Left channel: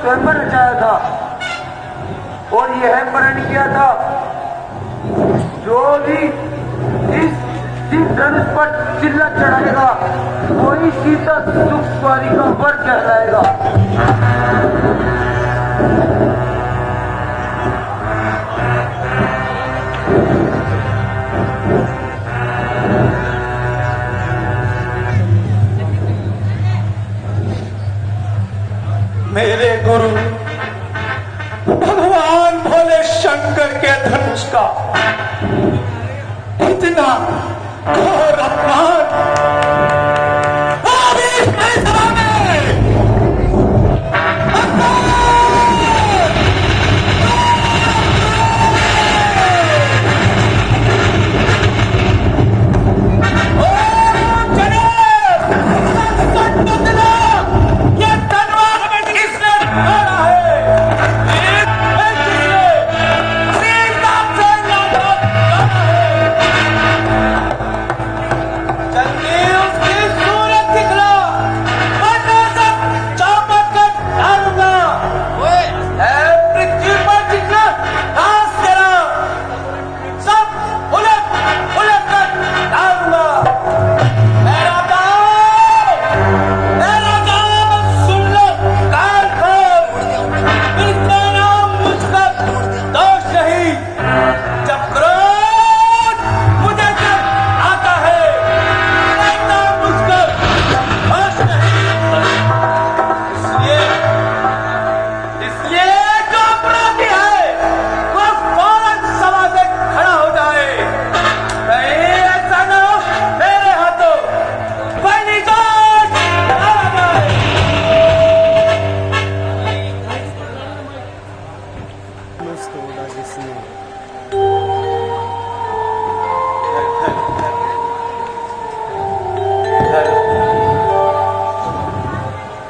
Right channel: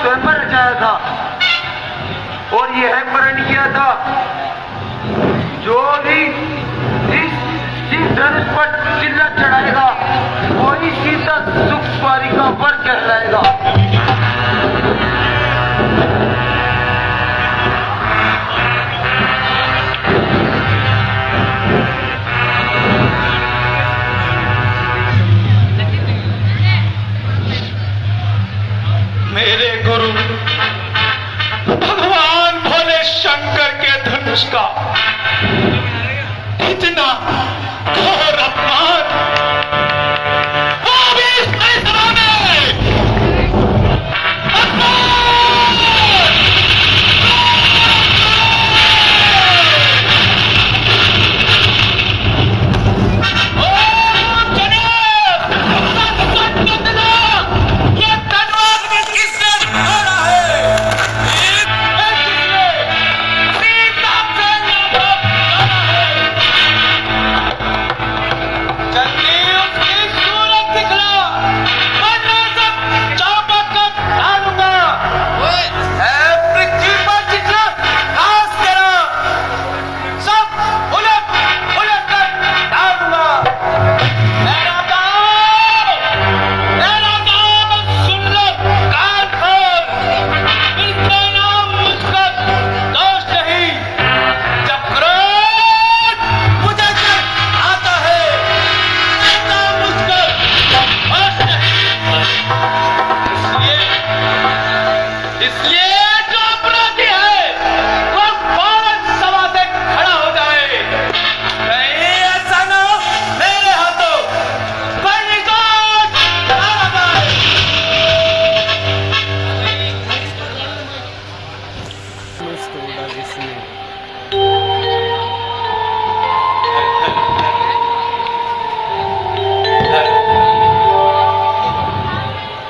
स्वयंवर रचाया था और यह प्रण किया था, जो भी इस धनुष पर चिल्ला चढ़ाएगा वही सीता सुख पारी का वर कहलाएगा। मेरे गुरु भगवान भोले शंकर के धनुष का इतना घोर अपमान वो भी इस सभा में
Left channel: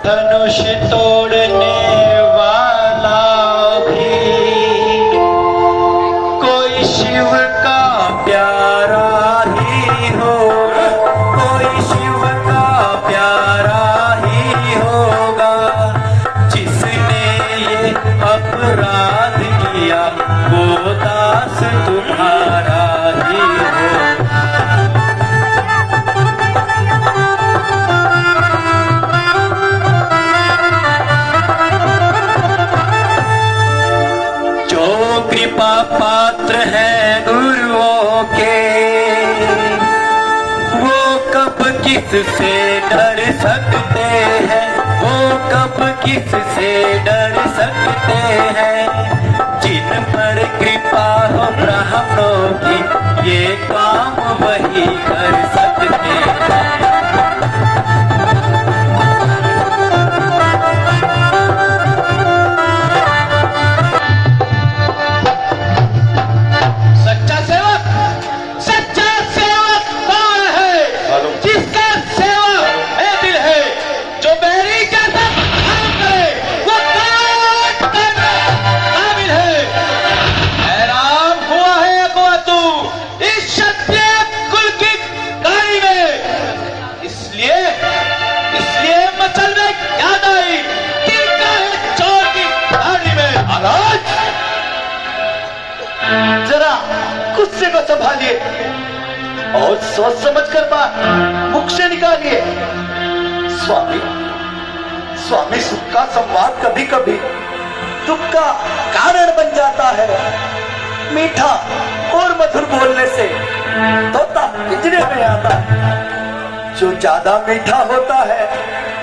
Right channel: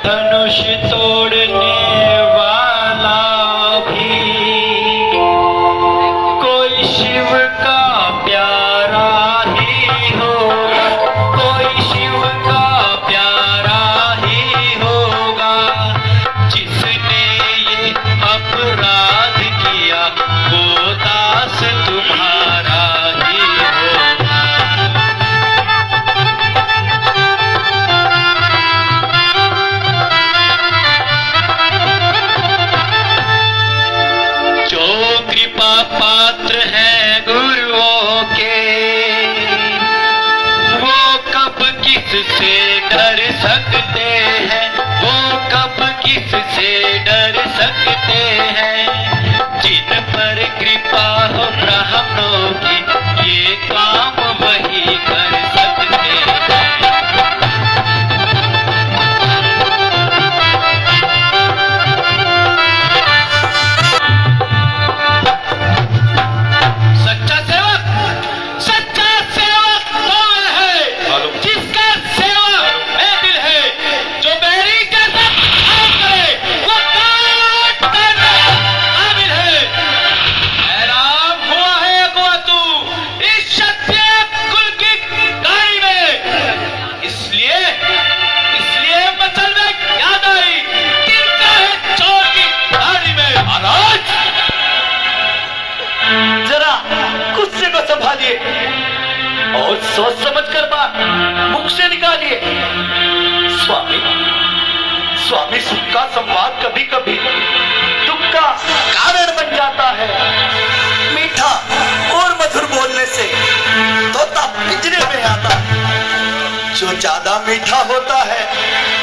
धनुष तोड़ने वाला भी कोई शिव का प्यारा ही होगा, कोई शिव का प्यारा किससे डर सकते हैं, वो कब किससे डर सकते हैं। जिन पर कृपा हो ब्राह्मणों की, ये काम वही कर सकते हैं। जरा गुस्से को संभालिए और सोच समझ कर बात मुख से निकालिए। स्वामी, स्वामी, सुख का संवाद कभी कभी दुख का कारण बन जाता है। मीठा और मधुर बोलने से तोता पिंजरे में आता है। जो ज्यादा मीठा होता है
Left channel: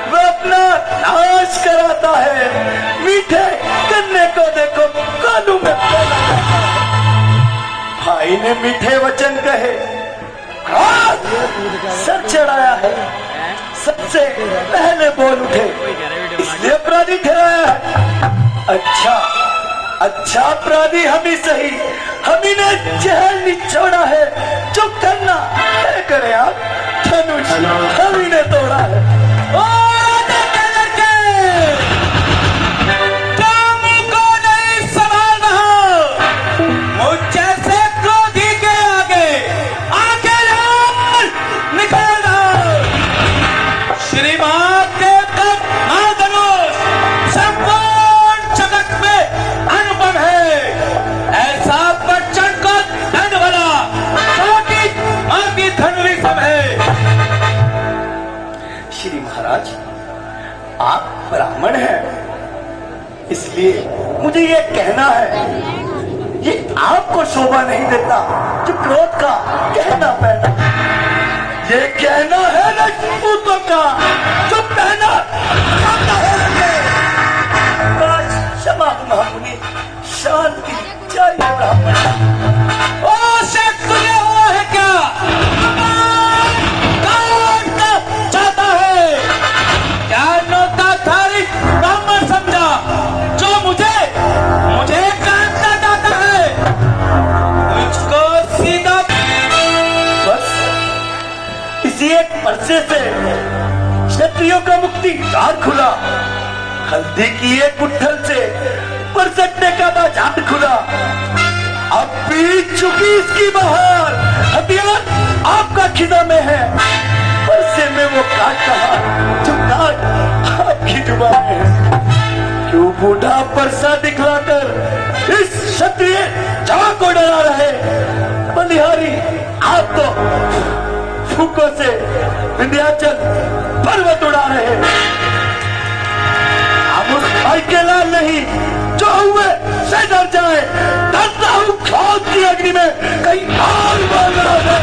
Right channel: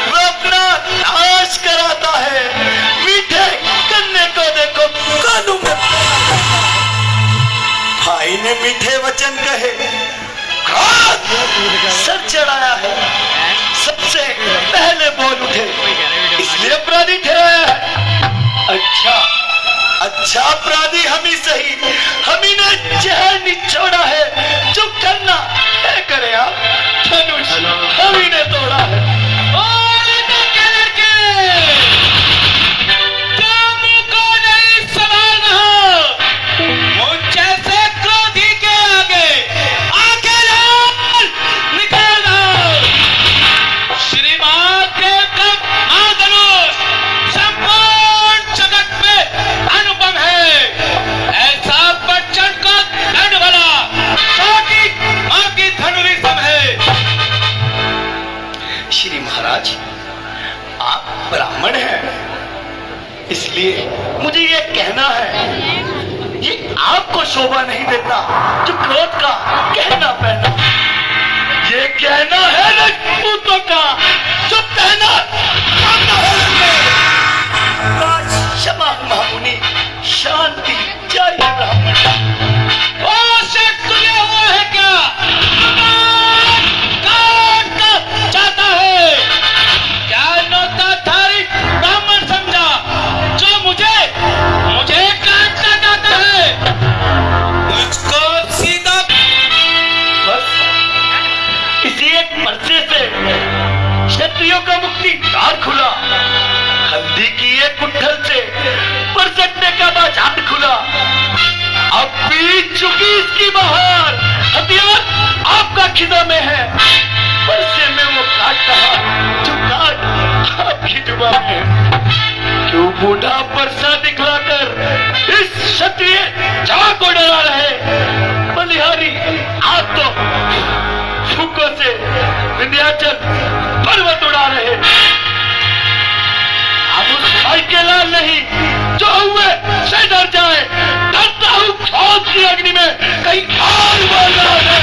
वो अपना नाश कराता है। मीठे गन्ने को देखो कानू में भाई ने मीठे वचन कहे, सर चढ़ाया है, सबसे पहले बोल उठे, इसलिए अपराधी ठहराया है। अच्छा अच्छा, अपराधी हम ही सही, हम ही ने जहर निचोड़ा है। जो करना क्या करे आप, धनुष हम ही ने तोड़ा है। श्री महाराज, आप ब्राह्मण हैं, इसलिए मुझे ये कहना है, ये आपको शोभा नहीं देता जो क्रोध का कहना पहना। ये कहना है राजपूतों का जो कहना क्षमा महामुनि, शांति जय ब्राह्मण। तुझे वो है क्या एक पर्चे से क्षत्रियों का मुक्ति द्वार खुला। हल्दी की एक गुत्थल से परसटने का बाजार खुला। अब बीत चुकी इसकी बहार, हथियार आपका खिजा में है। पर्चे में वो काट कहा जो काट आपकी जुबान में। क्यों बूढ़ा परसा दिखलाकर इस क्षत्रिय जहां को डरा रहे। बलिहारी आप तो फूकों से विंध्याचल पर्वत उड़ा रहे। हम उस भाई के लाल नहीं जो हुए से डर जाए। डरता हूँ क्रोध की अग्नि में कहीं और बोल रहा है।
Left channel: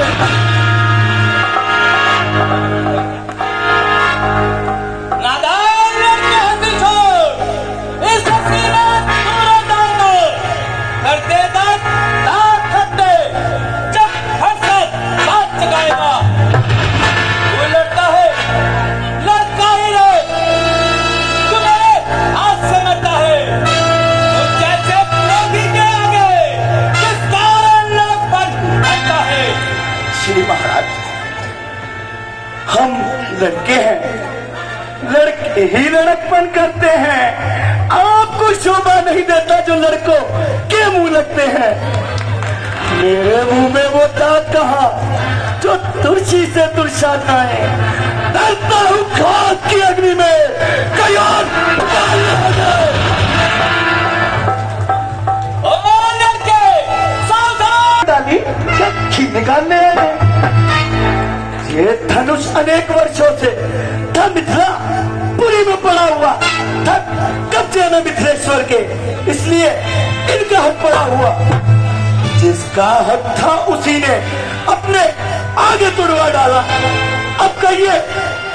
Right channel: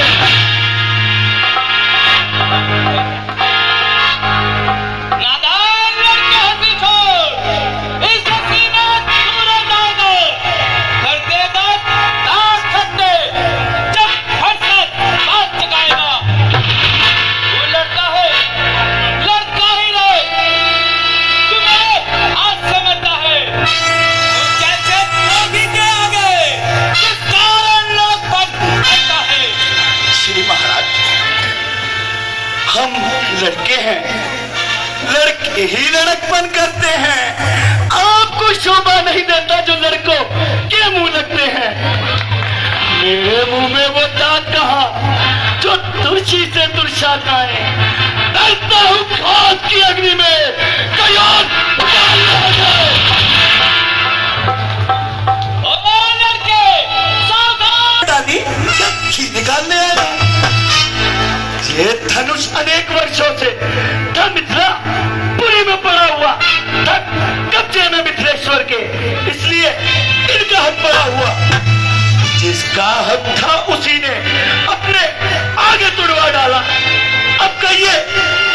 नादान लड़के हंसी छोड़, इस हंसी में पूरा जाएगा। कर देगा दांत खट्टे जब फरसत साथ चकाएगा। श्री महाराज, हम लड़के हैं, लड़के ही लड़कपन करते हैं। आपको शोभा नहीं देता जो लड़कों के मुंह लगते हैं। मेरे मुंह में वो दांत कहा जो तुलसी से तुलसा लाए। डरता हूँ क्रोध की अग्नि में कयार निकालने आए। ये धनुष अनेक वर्षों से था मिथिला पुरी में पड़ा हुआ था, कब्जे में मिथिलेश्वर के, इसलिए इनका हक पड़ा हुआ। जिसका हक था उसी ने अपने आगे तुड़वा डाला। अब बताइए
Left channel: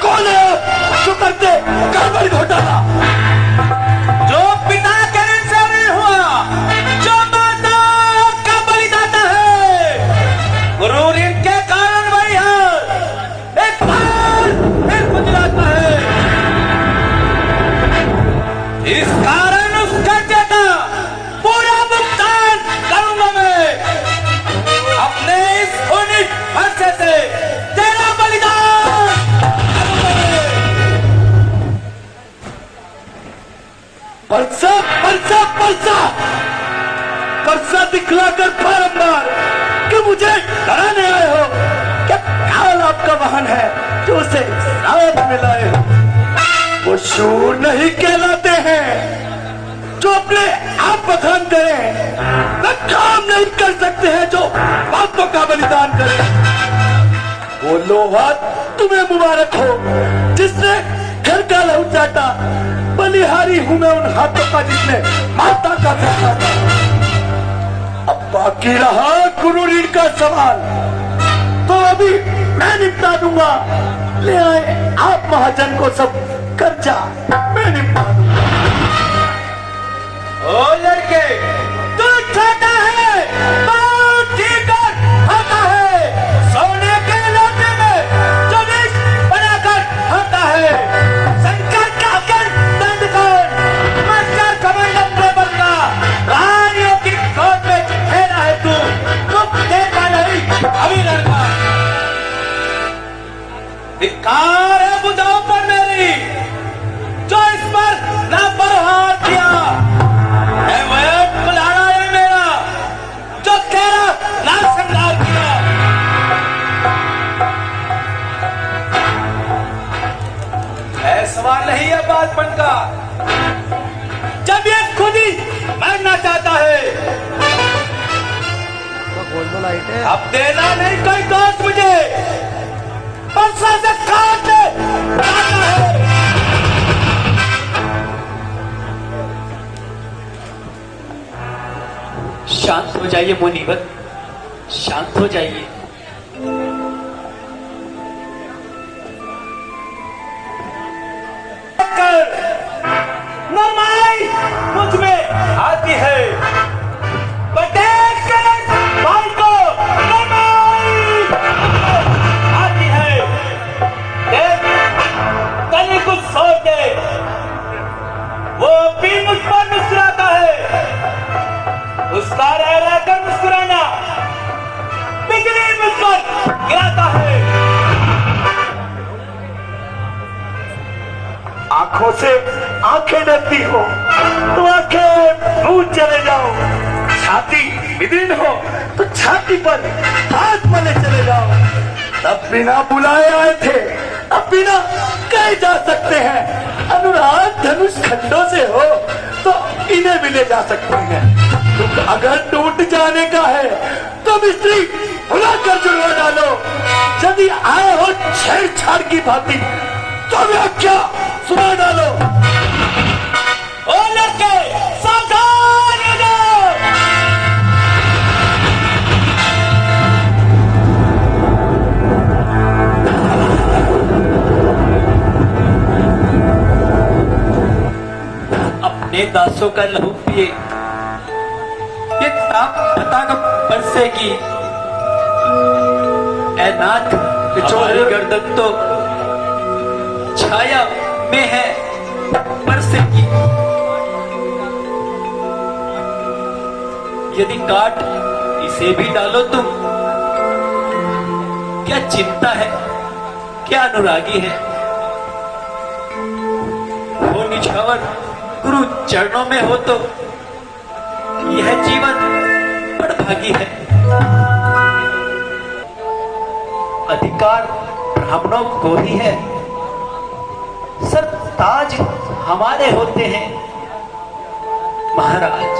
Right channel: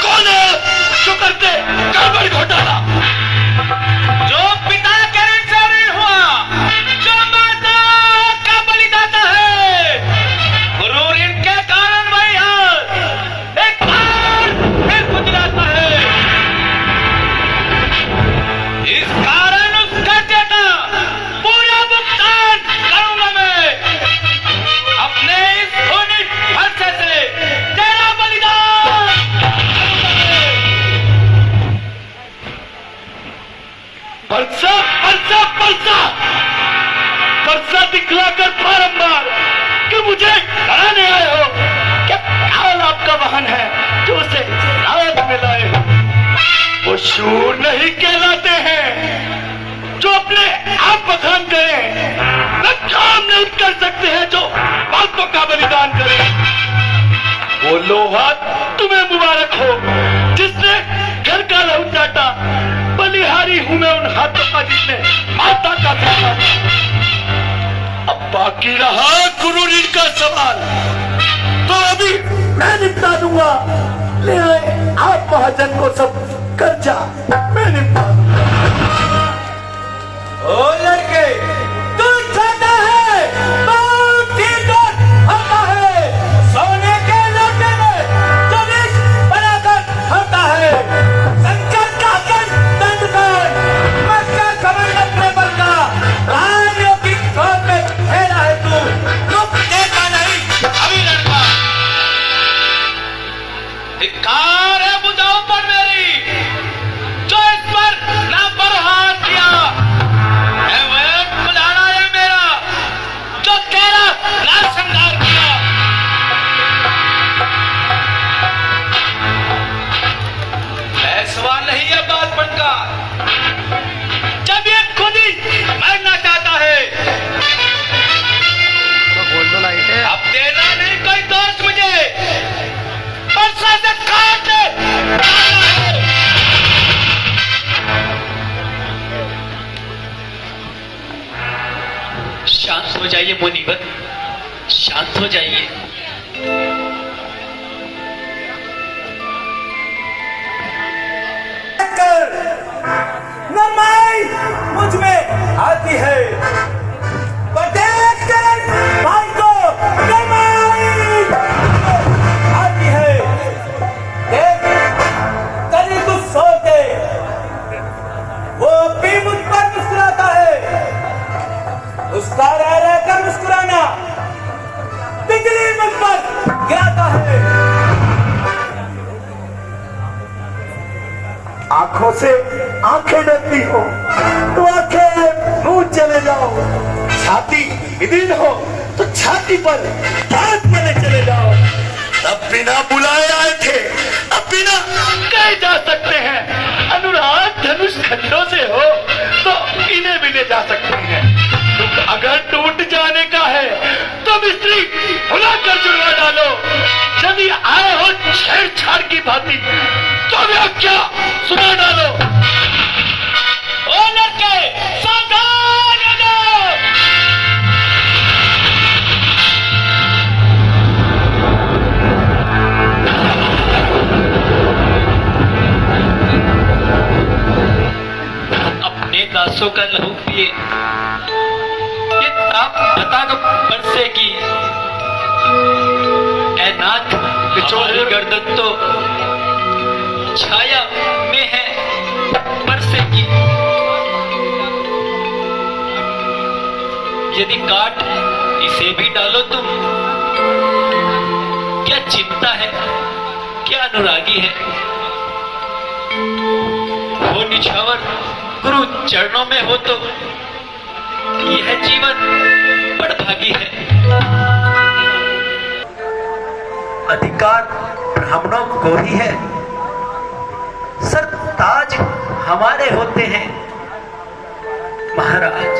कौन है जो करते कारवाई घोटाला? जो पिता के ऋण से ऋण हुआ, जो माता का बलिदाता है, गुरु ऋण के कारण वही है एक बार फिर गुजराता है। इस कारण उस कर्जे का पूरा भुगतान करूंगा मैं। अपने इस खूनी खर्चे से तेरा बलिदान परसा परसा परसा परसा दिखलाकर बारंबार कि मुझे डराने आए हो। क्या हाल आपका वाहन है जो उसे शायद में लाए हो? वो शूर नहीं कहलाते हैं जो अपने आप बखान करें, वो काम नहीं कर सकते हैं जो बातों का बलिदान करें। वो लोहा तुम्हें मुबारक हो जिसने घर का लहू चाटा। बलिहारी हूं मैं उन हाथों का जिसने माता का खाना था। अब बाकी रहा गुरु ऋण का सवाल, तो अभी मैं निपटा दूंगा। ले आए आप महाजन को सब कर्जा मैं निपटा दूंगा। ओ लड़के, तू छोटा है, तू ठीकर होता है, सोने के लोटे में चोलिस बनाकर होता है, संकट का कर दंड कर, मक्का कमेंट अपने बनना, रानियों की खोज में खेला है तू देखा नहीं अभी लड़का। धिक्कार है बुझाओ पर मेरी, जो इस पर लापरवाह किया है। वो एक बुलाना है मेरा जो तेरा लाल श्रृंगार किया। सवाल नहीं है बातपन का, जब ये खुद ही मरना चाहता है। अब देना नहीं कोई दोस्त मुझे, परसा से काट दे। शांत हो जाइए मुनीवर, शांत हो जाइए। नमाई मुझ में आती है, पटेल के भाई को नमाई आती है। देख कहीं कुछ सोच के वो भी मुझ पर मुस्कुराता है। उसका रह रहकर मुस्कुराना बिजली मुझ पर गिराता है। आंखों से आंखें डरती हो तो आंखें मुंह चले जाओ। छाती विदीन हो तो छाती पर हाथ मले चले जाओ। अब बिना बुलाए आए थे, अब बिना कहे जा सकते हैं। अनुराग धनुष खंडों से हो तो इन्हें भी ले जा सकते हैं। तुम अगर टूट जाने का है तो मिस्त्री बुलाकर जुड़वा डालो। यदि आए हो छेड़छाड़ की भांति तो व्याख्या सुना डालो। ओ लड़के, सावधान हो जाओ। अपने दासों का लहू पिए, ये ताप बता न बरसेगी। ऐ नाथ, हमारी गर्दन तो छाया में है बरसेगी। यदि काट इसे भी डालो तुम, क्या चिंता है, क्या अनुरागी है। हो निछावर गुरु चरणों में हो तो यह जीवन बड़भागी है। अधिकार ब्राह्मणों को ही है, सर ताज हमारे होते हैं। महाराज,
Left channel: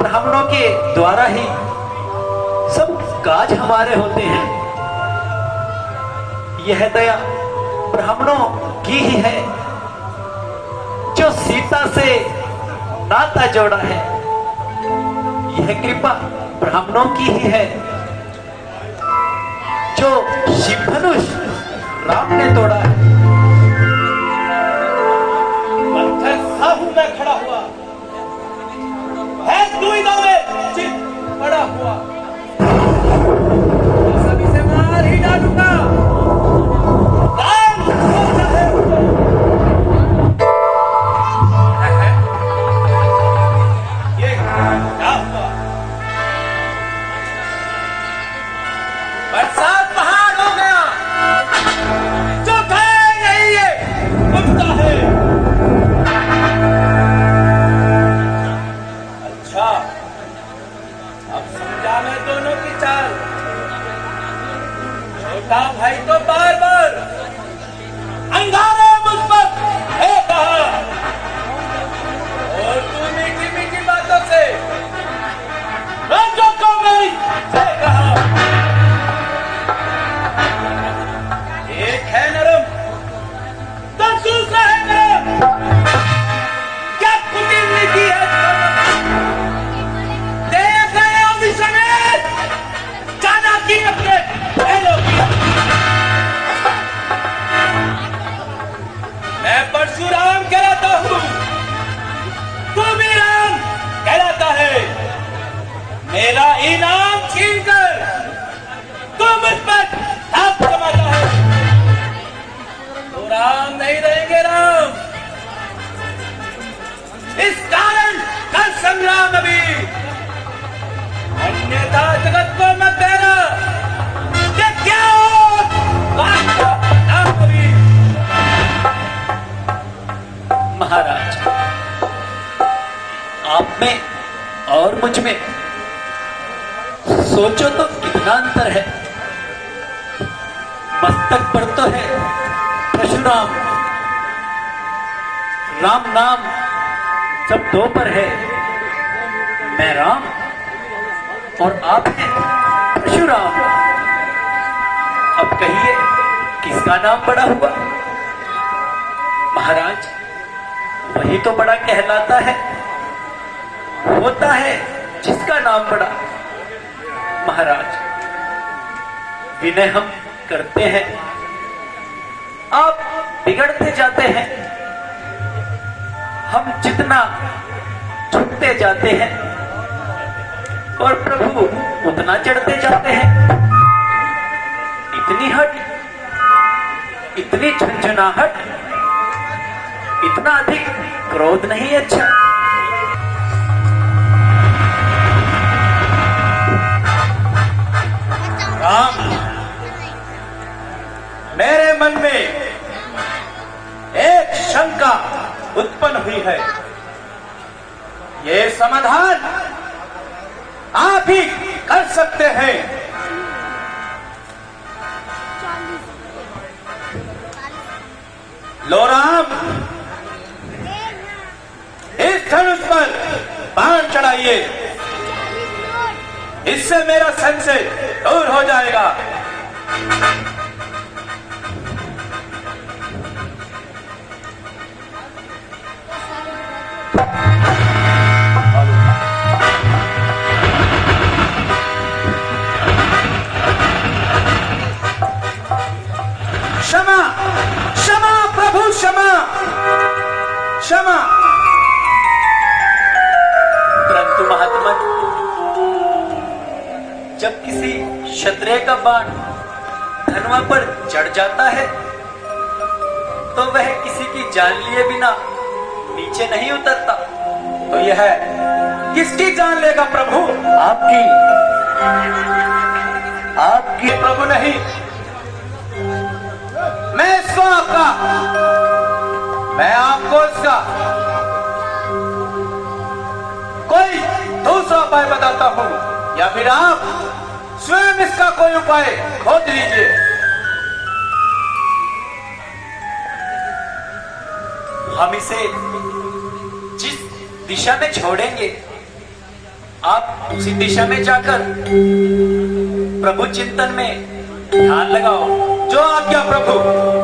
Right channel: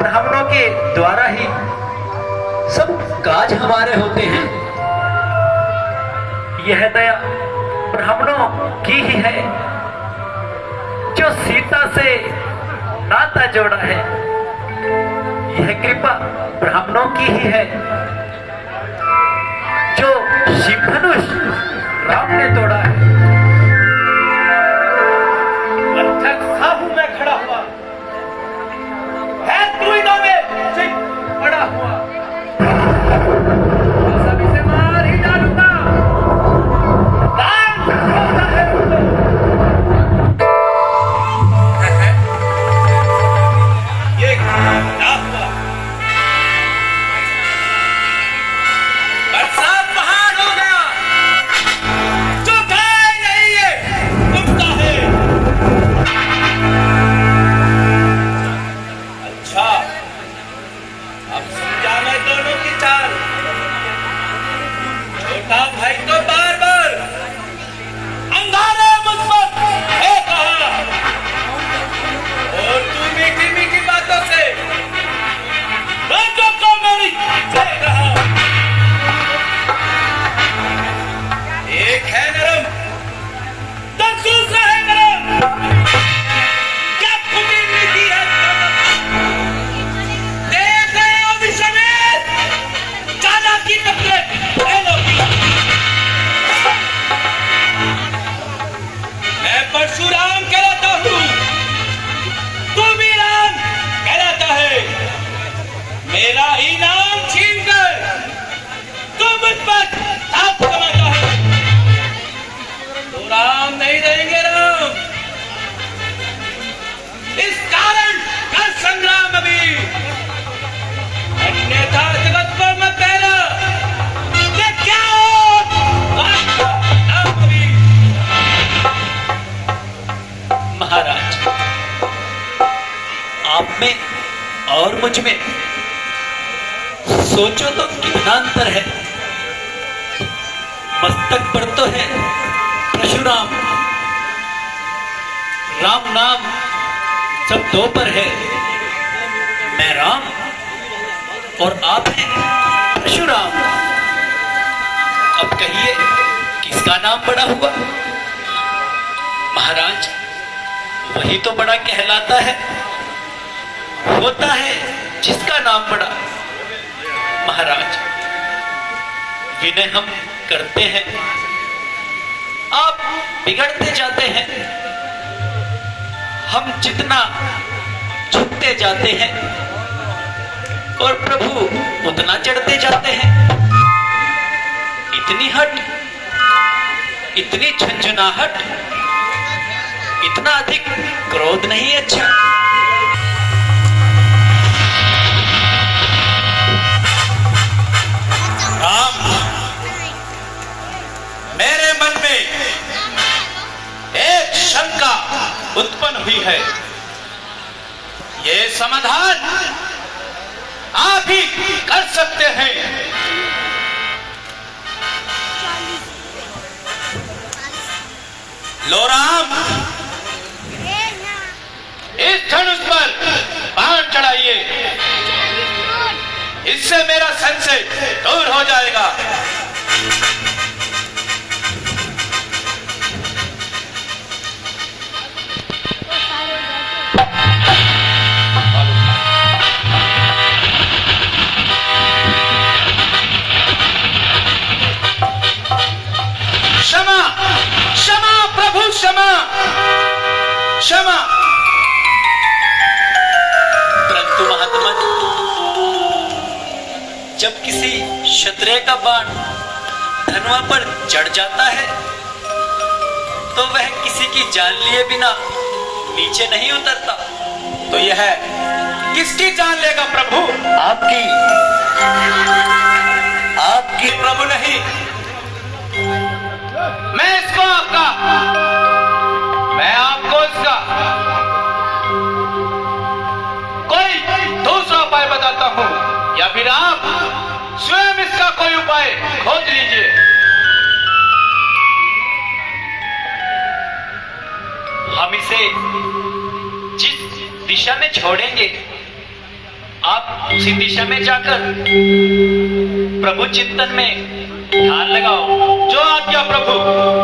ब्राह्मणों के द्वारा ही सब काज हमारे होते हैं। यह दया ब्राह्मणों की ही है जो सीता से नाता जोड़ा है। यह कृपा ब्राह्मणों की ही है जो शिव धनुष राम ने मुझ में सोचो तो कितना अंतर है। मस्तक पर तो है परशुराम, राम नाम सब दो पर है। मैं राम और आप हैं परशुराम। अब कहिए किसका नाम बड़ा हुआ? महाराज, वही तो बड़ा कहलाता है, होता है जिसका नाम बड़ा। महाराज, विनय हम करते हैं, आप बिगड़ते जाते हैं। हम जितना झुकते जाते हैं और प्रभु उतना चढ़ते जाते हैं। इतनी हट, इतनी झंझनाहट, इतना अधिक क्रोध नहीं अच्छा। राम, मेरे मन में एक शंका उत्पन्न हुई है। ये समाधान आप ही कर सकते हैं। लो राम, इस धनुष पर बाण चढ़ाइए, इससे मेरा संशय दूर हो जाएगा। क्षमा, क्षमा प्रभु, क्षमा, क्षमा। परंतु महात्मा, जब किसी क्षत्रिय का बाण धनुआ पर चढ़ जाता है तो वह किसी की जान लिए बिना नीचे नहीं उतरता। तो यह किसकी जान लेगा प्रभु? आपकी, आपकी प्रभु नहीं, मैं इसको आपका, मैं आपको इसका कोई दूसरा उपाय बताता हूं, या फिर आप स्वयं इसका कोई उपाय खोज लीजिए। हम इसे जिस दिशा में छोड़ेंगे आप उसी दिशा में जाकर प्रभु चिंतन में ध्यान लगाओ। जो आज्ञा प्रभु।